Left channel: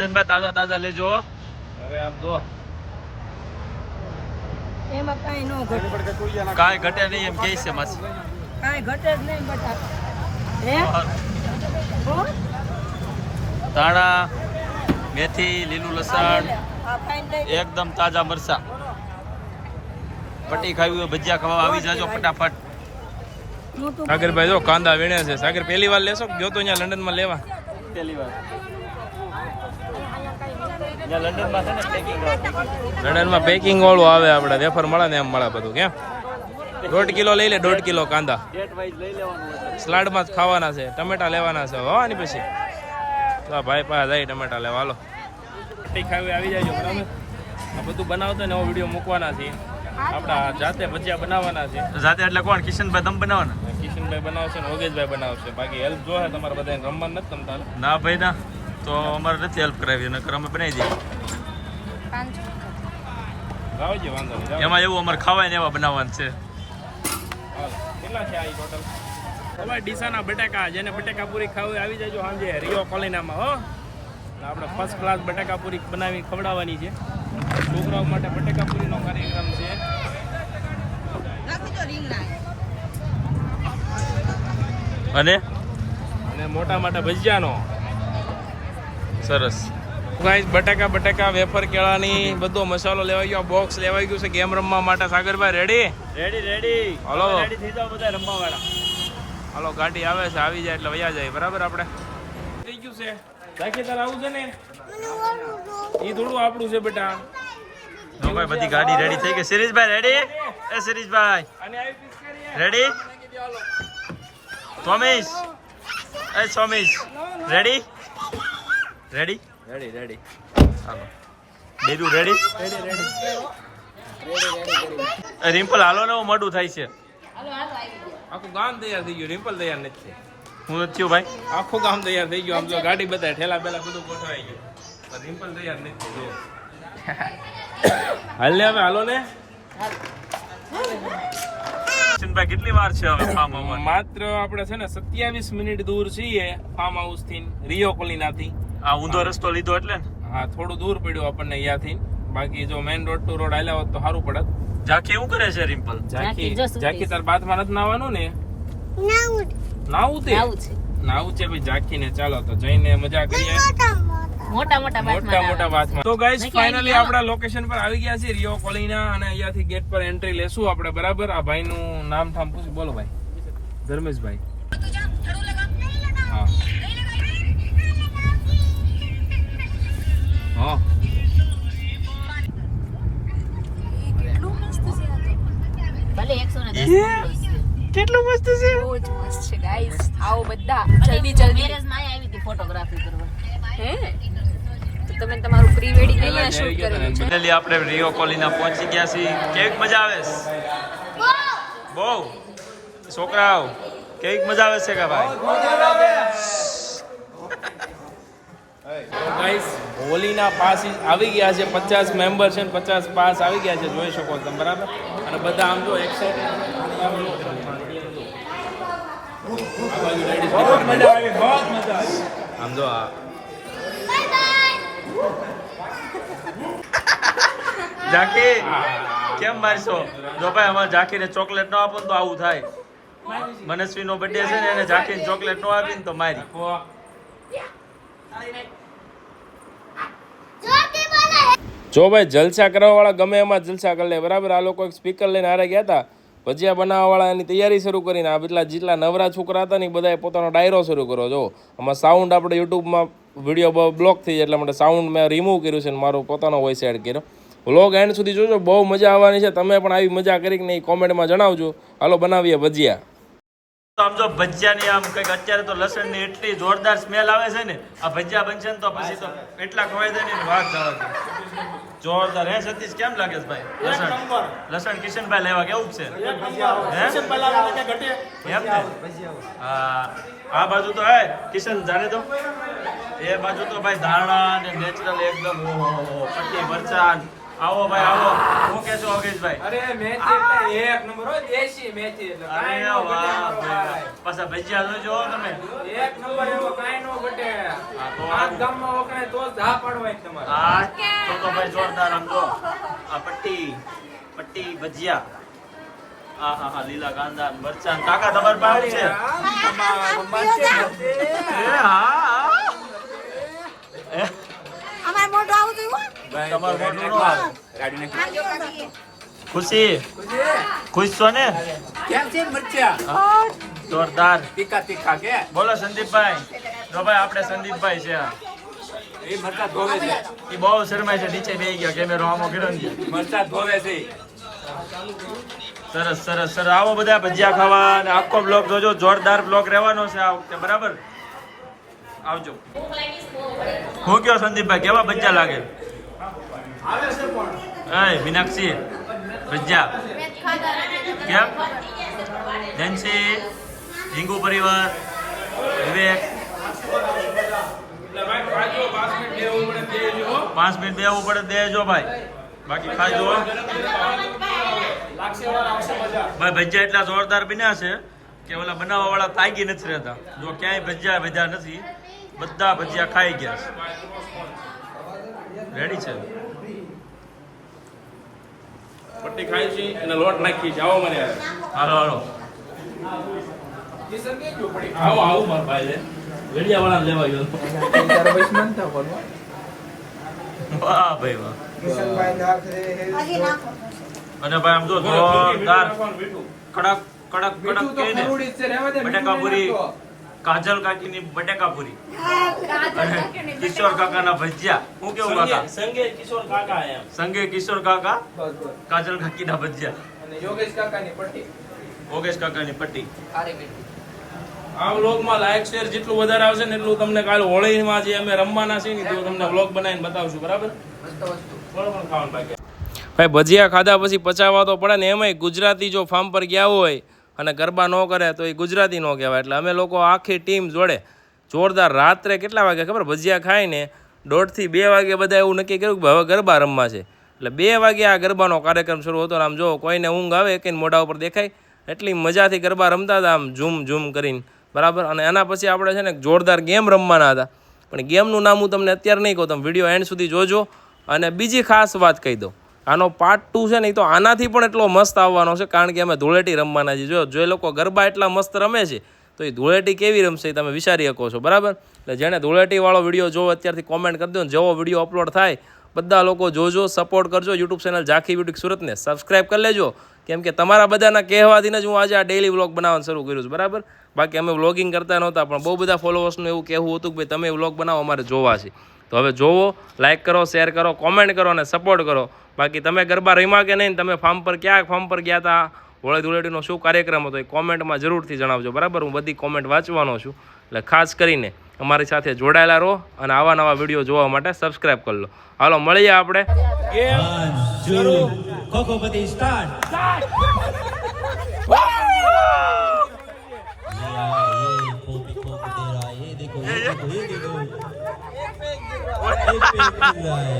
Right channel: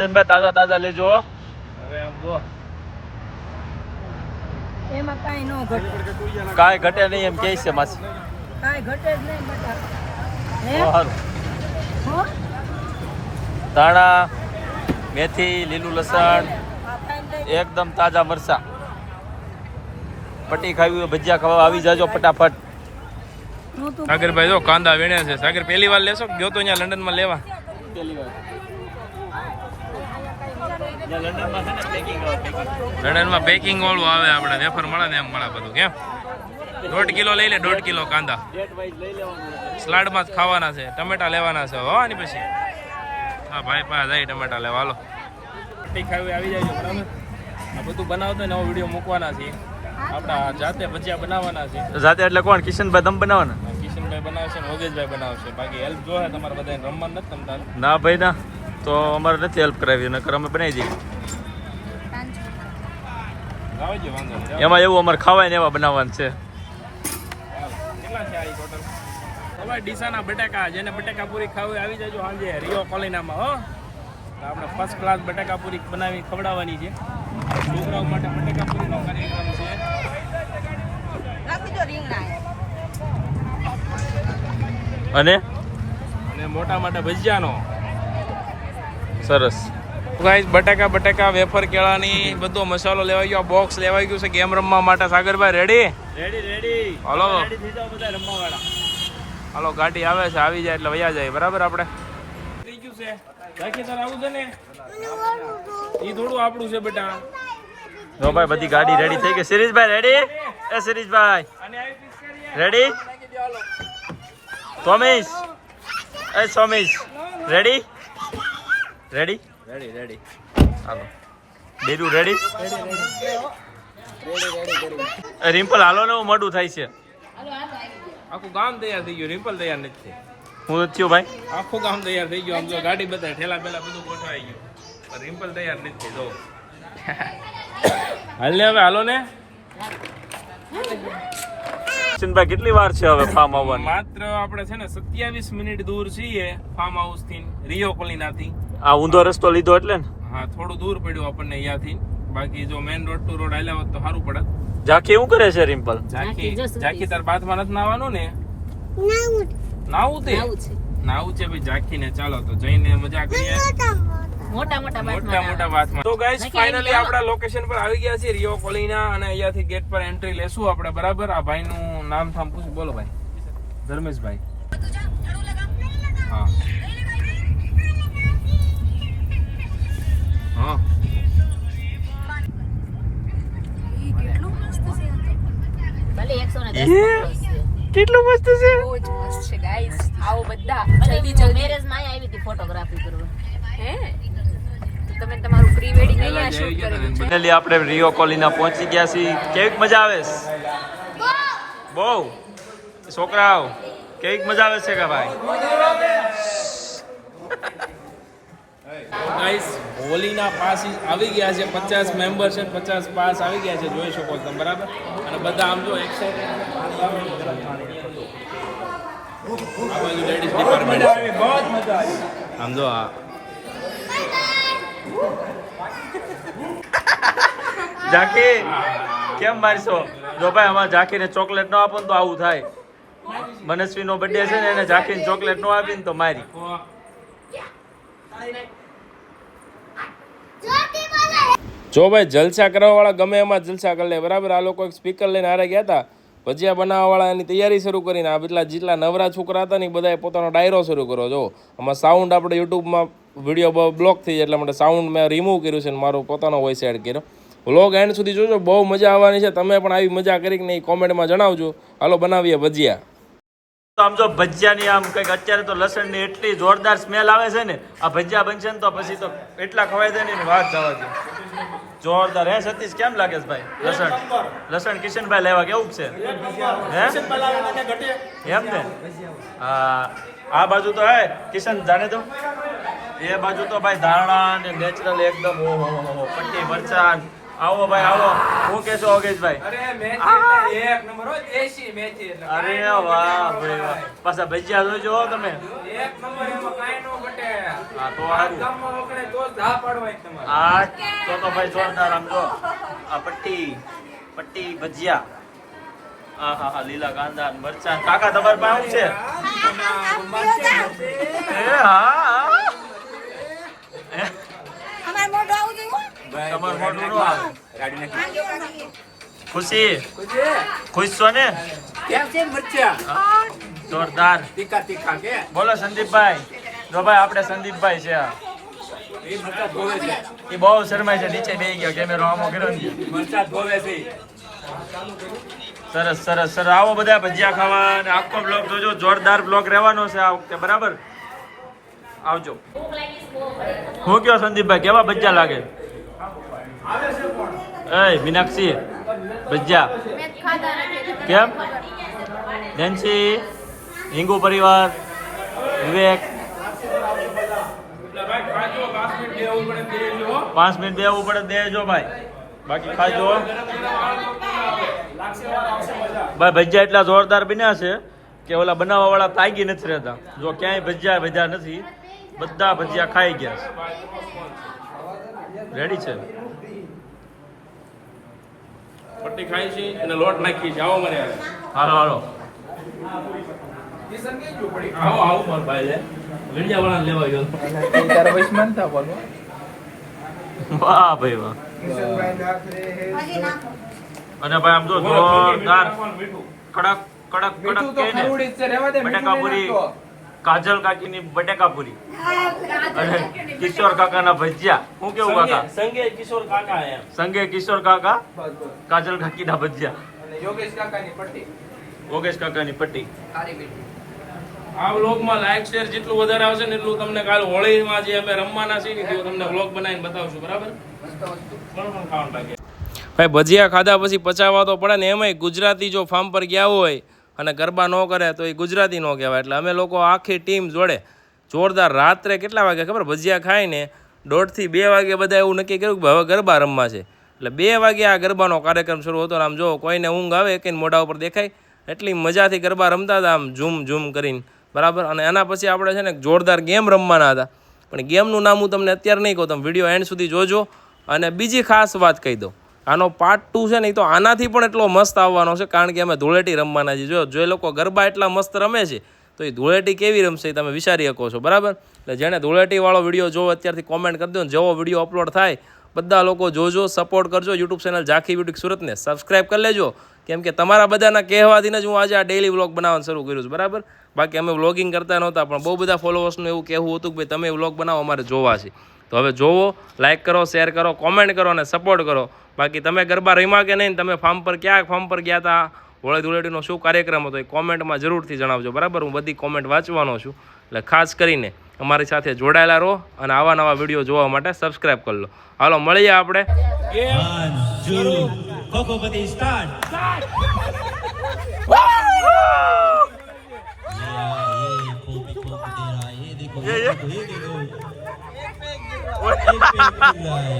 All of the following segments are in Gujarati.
કિશનભાઈ તાજા તાજા લેજો. હવે આમ જો. એમાં કાઈ નો ઘટે. કાઈ ઘટે નહીં એમ કહે છે માસી. કાઈ ઘટે જ નહીં બટા. હે? સારું હો? ધાણા મેથી લીલું લસણ એકદમ તાજા મરચા. પટ્ટી ખાવી હોય ભજીયા ખાવા આવી જાજો ફટાફટ. સાગરભાઈ જો કાંદા વીણ્યા છે. સાગર પહેલી વાર લેશો ગયો જો તો અહીંયા લંડનમાં લેવા? પહેલી વાર. લંડનમાં ને પેકિંગ વાળું. આવે આપણે વેફર મળે ને એમ મળે બધું કેમ? દોઢ કિલો લઈ લે દોઢ કિલો કાંદા. Date wise લઈ લેવાનું એટલે. સલાડમાં જ ખાવાના છે ટમેટા લેવાના છે હવાની પછી. હા ભાઈ પાસે જાય ટમેટા લેવા હાલો. પટ્ટી ખાવી આવી જાય બરાબર? આ બધું બનાવતો નવો વીડિયો મૂકવાના છે. આપણા જાતે ભજીયા બનાવવાના છે. જાતે એટલે કોણ કિશનભાઈ દમ બનાવવાના? કિશનભાઈ બનાવશે ને ઓગેશભાઈ બનાવશે બાકી હેલ્પ જોહે તમારે બધાને રમવાનું નથી તમ તારે ના ભાઈ ના. તો અમારે નથી હેલ્પ કરાવી નકર અમે બનાવી નહીં એમાં એવું અમારે ખાવાય ને એવા બનાવવાનું છે. કેટલા છે આ ટોટલ તમારે ડીસાના બટાકા જેને બટાકા પૂરી ખાવી આવી જાય સાંજે રિયો કોલિનામાં હો. આપણે ફર્સ્ટ ક્લાસ બટાકા પૂરી બનાવી ખવડાવવાની છે. છોકરાઓ માટે બટાકા પૂરીનો કાર્યક્રમ છે. અને? અને મોટા મોટા ભજીયાનો. સરસ. ગાઈસ બટાકા બટાકા વેફર કેળાની બધો મસાલો લેવાઈ ગયો. બોક્સ લેવાઈ ગયું છે ગેમ રમવા માટે. સાગરભાઈ રેડી રેડી રેડી હાલો. રેડી થઈ જાઓ બધા રમવા વાળા હાલો ગાડી આવે છે. આવી જાય એટલે વયા જાય. બરાબર આપણે? થઈ ગયું છે. રાખી તાર આવું છે ને? ઈ થોડું આપણું છે બેટા. જો ભાઈ બધી ગાડી રેડી થઈ ગઈ. સિરીશભાઈ રેડી એ કરીએ. રેડી સોમીશ. એ Somish. Ready ready ready ready હાલો. બેરુ રેડી રિમ્પલ હાલો ને મોડું થાય છે. આખું ગામ તૈયાર થઈ ગયું. રિમ્પલ તૈયાર નથી હું નથી ભાઈ. આખું ગામ તૈયાર થઈ ગયું. આમ તો ગાડી બધા ઠેલા પેલા બધું ગયું. રિમ્પલ તૈયાર નથી હાલ ને હવે હાલો ને. કિશનભાઈ કેટલી વાર છે હવે ફાર્મ આવવાનું માત્ર આપણે છે ને સત્યાવીસ મિનિટ દૂર છીએ ફાર્મ હાઉસથી રિયો કોલિના થી આ ઊંધો રસ્તો લીધો એટલે ને? હા થોડું દૂર પડ્યું આપણને અહીંયાથી. બાકી જો મેઇન રોડ ટુ રોડ આલ્યા હોત તો સારું પડત. ઝાંખી શું કરે છે રિમ્પલ? ઝાંખી ઝાંખી તાર બાથમાં નથી નાવાનું ને? નાવું તે નાવું છે ભાઈ ઝાંખીને ચાલો તો જઈને મજા કરીએ. મોટા મોટા મોટા મોટા બાથમાં તો ગાઈસ ફાઇનલી આપણા લોકેશન પર આવી ગયા છે રિયો કોલિના અને અહીંયાથી ગેટ પર એન્ટ્રી લેશું આપણે બરાબર? આ ભાઈનું નામ ઠામ પૂછી. બોલો ભાઈ. ધર્મેશભાઈ. હા. હા. કેટલું મસ્ત છે બહુ જ મસ્ત છે ગાઈસ આવો બધા. જલ્દી જલ્દી. મેરેજમાં આવી હતી ફોટોગ્રાફી કરવા. હે? ફાઇનલી આપણે રિયો કોલીના પહોંચી ગયા છીએ. કેવીક મજા આવે? છે બહુ છોકરાઓ કેવીક મજા આવે છે કે ભાઈ? હોલીના પાસ આવી ગયા છે. પચાસ મેમ્બર છે પચાસ પાસ આવી ગયા છે. જોઈ શકો તમે બરાબર? અને બધા આમ જો એક્સાઇટેડ આમ જો. ખાલી આમ રડિયા આ. બાજુ ladies department. આમ જો આ. ઝાંકી કેમ મારશો? જો ભાઈ અમારે ઝાંકીને ચોકલેટ ન આપો તો આવું થાય. મનસ્વીનો બર્થડે છે ને, એને ઝાંકીને ચોકલેટ ન આપી ને તો મારી. જો ભાઈ, જલસા કરવા વાળા ગમે એમાં જલસા કરી બરાબર? આ લોકો એક સ્પીકર લઈને હારે ગયા હતા. ભજીયા બનાવવા વાળા એની તૈયારી શરૂ કરીને આ બધા જેટલા નવરા છોકરા હતા ને એ બધાએ પોતાનો ડાયરો શરૂ કર્યો. જો, આમાં સાઉન્ડ આપણે યુટ્યુબમાં વીડિયો બ્લોક થઈ જાય એટલા માટે સાઉન્ડ મેં રિમૂવ કર્યું છે ને મારો પોતાનો વોઇસ એડ કર્યો. વ્લોગ એન્ડ સુધી જોજો બહુ મજા આવવાની છે. તમે પણ આવી મજા કરી કે નહીં કોમેન્ટમાં જણાવજો. હાલો બનાવીએ ભજીયા. તો આમ જો ભજીયાની આમ કંઈક અત્યારે તો લસણની એટલી જોરદાર સ્મેલ આવે છે ને આ ભજીયા બનશે ને તો પછી તો એટલા ખવાય જાય ને વાત જવા દે. જોરદાર. હે સતીશ કેમ લાગે છે ભાઈ? લસણ. લસણ કિશનભાઈ લેવા કેવું છે? હે? એમ ને? હા. આ બાજુ તો હે કિશન જાણે તો? એ બાજુ તો ભાઈ ધાણા ને નેચરલ એકદમ ઓહો પટ્ટી મરચાં આવો ભાઈ આવો. હું કેશો યોગેશભાઈ અરે મેથી એટલે એક નંબર હો દેશી મેથી એટલે અરે વાહ ભાઈ પાછા ભજીયા જોજો તમે. એક નંબર એમાં કાઈ નો ઘટે. હા, તો આ. ગામમાં વખણે તો ધા પાડવાની તમારે. હા તો તો ભાઈ જોરદાર આમ જો. આ પટ્ટી પટ્ટી ભજીયા. હા હા હા લીલા કાંદા મરચા કાકા તમાર પાસે છે? હા હા એ, અમારે મોઢું ખુશી? ખુશ છો ને? કેમ છે મરચા? જોરદાર. તીખા તીખા કે? બોલો સંદીપભાઈ. જો ભાઈ આપણે સંદીપભાઈ છે એ મરચા ધોવે છે. એ બહુ શરમાય છે નીચે બેહી ગયા કેમેરો આમો કર્યો મરચા ધોવે છે. સરસ સરસ સર આવો બધા ભજીયા ખાવા અને આખો બ્લોગ જોજો. જોરદાર બ્લોગ રહેવાનો છે આ વખતે બરાબર? આવજો. હું કયો સંદીપભાઈ કેવા ભજીયા લાગે? એ મીનાક્ષી ભજીયા કેમ? જેન્સી હિંગુ પરિવાર, વિવેક. પાંચ મિનિટ બેવું પડે દેજો ભાઈ. બાકી ખાજો ભાઈ, ભજીયા એટલા જોરદાર બન્યા છે કે ઓલા બનાવવા વાળા તાગી નથી રહેતા. જો ક્યાંય ભજીયા ભજીયા નથી, બધા ભજીયા ખાઈ ગયા છે. રેડી છે? પટ્ટી ખાઈ છે અને લોટ નાખી છે. આવો મને હાલો હાલો આવો આવો મારો ભાઈ લે. વેડિયા વાળા લેવા ગયો. વાહ ભાઈ વાહ. અને ભાઈ આમ જો જોરદાર કડક કડક કડક કે ને? બટેકા પૂરી કાજલ કાકીની બટેકા પૂરી. અને કિશોર કાકાના ભજીયા. હું કેવું કાકા? સંગે કિશોર કાકા સંગે કિશોર કાકા? કાજલ કાકીના ભજીયા. અને યોગેશ કાકાની પટ્ટી. યોગેશ કાકાની પટ્ટી. આ વ્લોગમાં લાઈક શેર જેટલું વધારે આવશે ને એટલું તમને કાલે હોળીમાં જે અમે રમવાના છીએ ને તમને વ્લોગ બનાવીને બતાવશું બરાબર? બરાબર ખાવાનું બાકી? ભાઈ ભજીયા ખાધા પછી પચાવવા તો પડે ને એમાંય ગુજરાતી જો ફાર્મ પર ગયા હોય અને ગરબા ન કરે તો એ ગુજરાતી ન કહેવાય. એટલે અમે લોકો આખી ટીમ જોડે જોરદાર રાત્રે કેટલા વાગે ખબર? ભજીયા ખાઈને દોઢથી બે વાગે બધા એવું નક્કી કર્યું કે હવે ગરબા રમવા છે. એટલે બે વાગે આ ગરબાનો કાર્યક્રમ શરૂ હતો આમ જો કોઈને ઊંઘ આવે કે મોઢા ઉપર દેખાય, એટલી મજાથી ગરબા રમતા હતા આમ ઝૂમ ઝૂમ કરીને. બરાબર? અને એના પછી આપણે છે ને જોરદાર ગેમ રમવાના હતા. પણ ગેમનું નામ હું તમને અત્યારે નહીં કહું, તમે વીડિયો એન્ડ સુધી જોજો. અને બીજી ખાસ વાત કહી દઉં. આનો પાર્ટ ટુ છે ને એ તો આનાથી પણ એટલો મસ્ત આવવાનો છે, કારણ કે અમે ધૂળેટી રમવાના છીએ. જો જો એ લોકો ગરબા એટલા મસ્ત રમે છે તો એ ધૂળેટી કેવી રમશે એ તમે વિચારી શકો છો, બરાબર? એટલે જેણે ધૂળેટીવાળો વીડિયો જોવો અત્યારથી કોમેન્ટ કરી દો ને જેવો વીડિયો અપલોડ થાય, બધા લોકો જોજો સપોર્ટ કરજો યુટ્યુબ ચેનલ ઝાંખી બ્યુટી સુરતને સબસ્ક્રાઇબ કરી લેજો. કેમ કે તમારા બધાના કહેવાથી જ હું આજે આ ડેલી વ્લોગ બનાવવાનું શરૂ કર્યું છે, બરાબર? બાકી અમે વ્લોગિંગ કરતા નહોતા, પણ બહુ બધા ફોલોવર્સનું એવું કહેવું હતું કે ભાઈ તમે વ્લોગ બનાવો, અમારે જોવા છે. તો હવે જોવો લાઇક કરો શેર કરો કોમેન્ટ કરો અને સપોર્ટ કરો. બાકી તમે ગરબા રમ્યા કે નહીં, તમે ફાર્મ પર ક્યાં ફાર્મ પર ગયા હતા હોળી ધૂળેટીનો શું કાર્યક્રમ હતો એ કોમેન્ટમાં જરૂરથી જણાવજો. બરાબર? હું બધી કોમેન્ટ વાંચવાનો છું. એટલે ખાસ કરીને અમારી સાથે જોડાયેલા રહો અને આવા નવા વીડિયો જોવા માટે સબસ્ક્રાઇબ કરી લો. હાલો મળીએ આપણે. Kokopati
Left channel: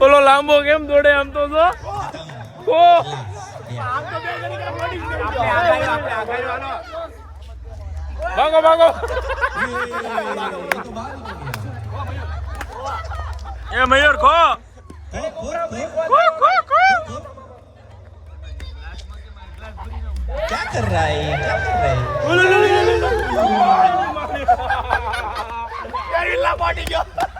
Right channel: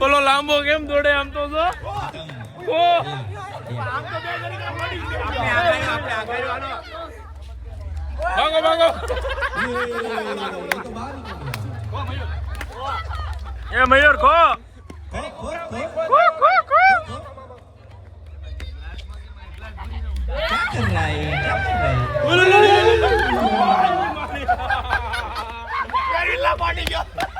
ઓલો લાંબો કેમ દોડે એમ તો જો ભાગો ભાગો. એ મયુર ખો. કઈ લા ગયો?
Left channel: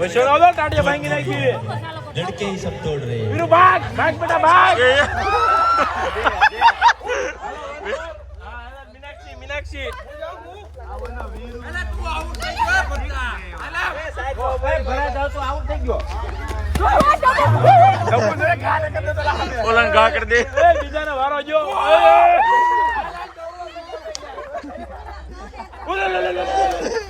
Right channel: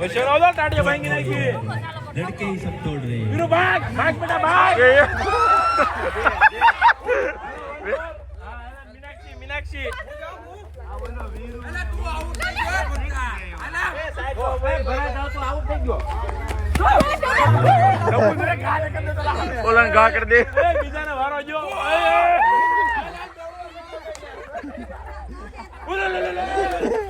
है વૈશાનો આવતો ટાટિયા ભાંગી નાખી लड़के ही सब तोड़ रहे हैं વીરુ ભાગ ભાગ બેટા ભાગ એ, એ. મીનાક્ષી મીનાક્ષી ઓલાને ઘા કરી દે બીજાને વારો જો કેમેરા વાળા થોડાક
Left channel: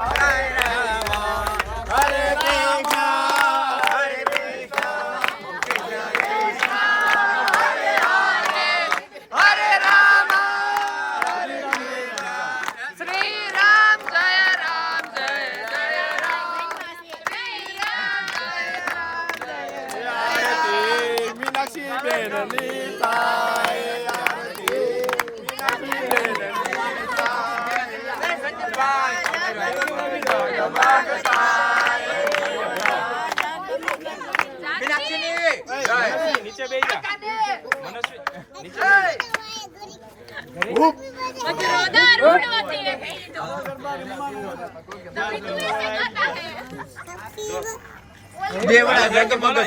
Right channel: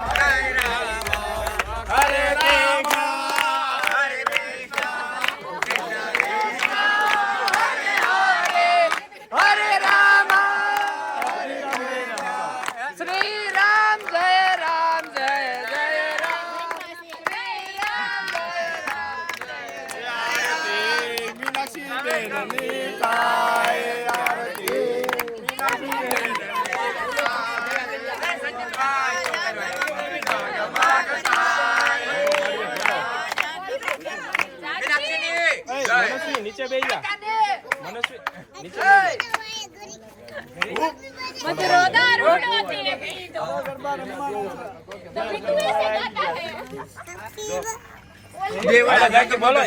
નીચે બે દેવડા ભાઈ તો બોલો